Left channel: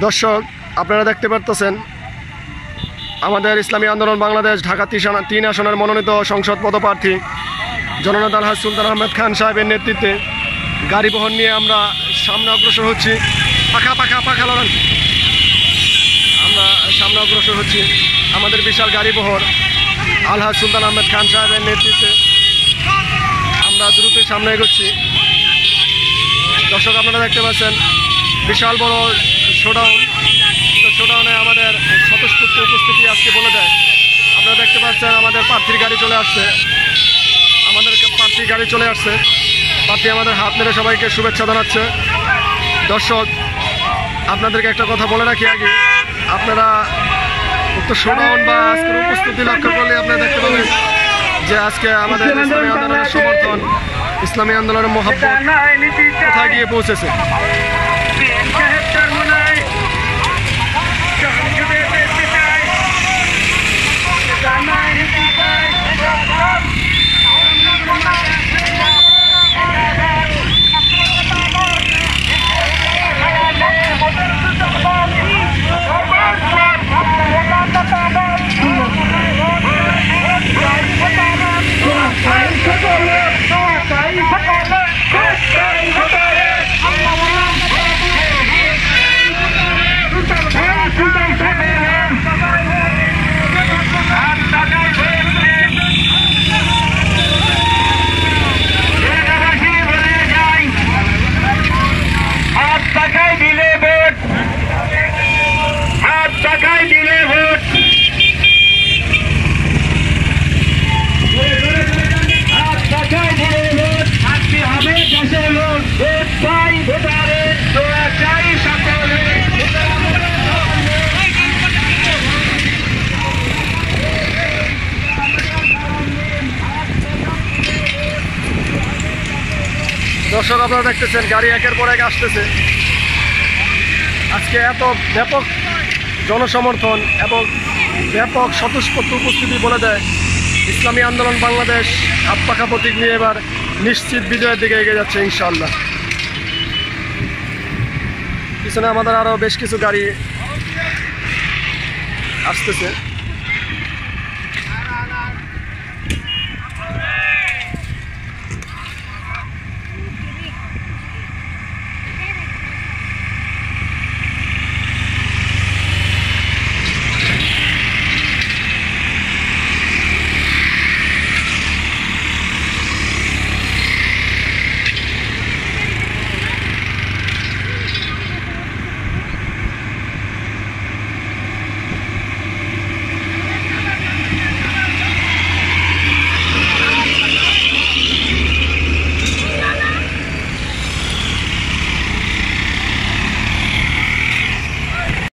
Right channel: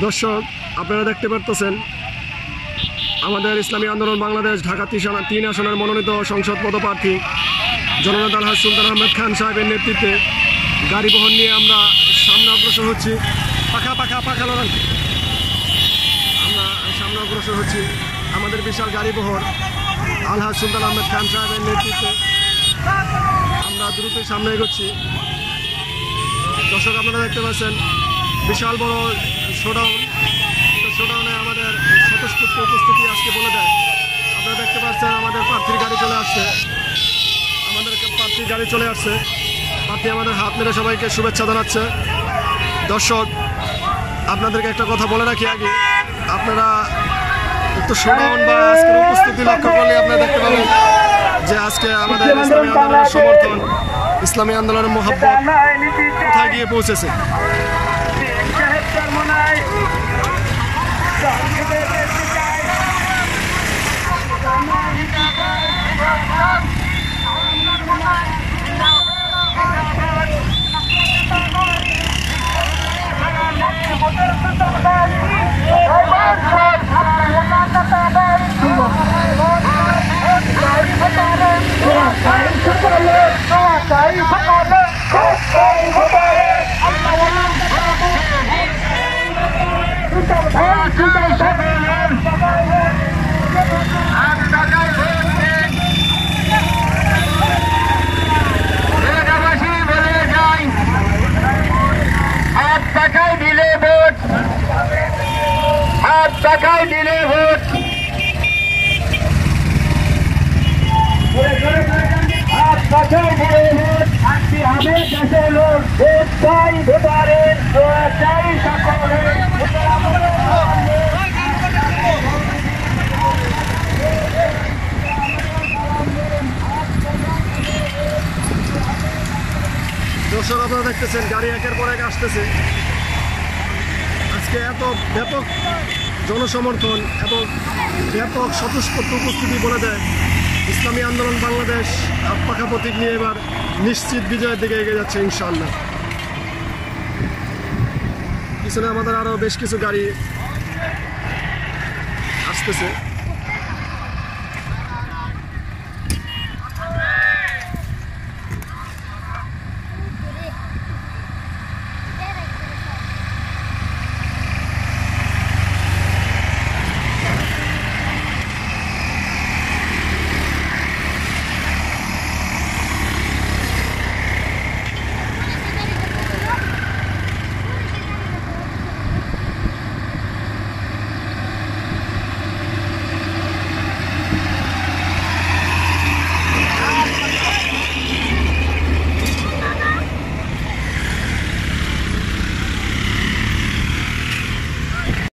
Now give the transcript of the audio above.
দর্শক, আপনারা দেখতে পারতেছেন আমাদের ইসলামী আন্দোলন বাংলাদেশ ঢাকা 3 আসনের মনোনীত সংসদ পদপ্রার্থী জননেতা আলহাজ সুলতান আহমেদ খান সাহেবের নেতৃত্বে গাড়ি বহন নিয়ে আমরা সামনে অগ্রসর হচ্ছি। পাখা লড়ান, আমরা সামনে অগ্রসর হচ্ছি। আমাদের বিশাল গাড়ি বহর আলহাজ সুলতান আহমেদ খান সাহেবের নেতৃত্বে আমরা দ্রুত সামনে এগোচ্ছি। দর্শক, আপনারা দেখতে পাচ্ছেন বিশাল বড় শোডাউন। তো শোডাউনে আমাদের স্বতঃস্ফূর্ত উপস্থিতি আজকে বলে দেয়। আপনারা দেখতে পাচ্ছেন আমাদের প্রার্থীর গাড়ি চলে আসছে। প্রার্থী আমাদের হাত মেরে সবাইকে শুভেচ্ছা জানাচ্ছে। দর্শক, আপনাদেরকে একটা কথা বলে রাখি আগে, আপনারা উক্ত শোডাউন বা আজকের উপস্থিতি লক্ষ্য করলে আপনারা দেখতে পাবেন যে আজকে আমাদের ইসলামী আন্দোলনের সমর্থন, ইসলামী আন্দোলনের মোহাব্বত কোথায় গিয়ে পৌঁছেছে। টাকায় দিলে ভোট, টাকায় দিলে ভোট, আজকে হবে দেশের লোক, ভোট চাই ভোটারে, দোয়া চাই সকলে। দর্শক, আপনারা দেখতেছেন গাড়ি একের পর এক আসতেছে। আজকে এত ব্যাপক জনসমর্থন এবং ব্যাপক স্বতঃস্ফূর্ত উপস্থিতি বলে দেয় ইসলামী আন্দোলন বাংলাদেশ হাত পাখা প্রতীক নিয়ে এবার নিশ্চিত বিজয়ের দিকে এগিয়ে যাচ্ছে ইনশাআল্লাহ। পিছনে আমাদের আরও বেশ কিছু গাড়ি আসতেছে।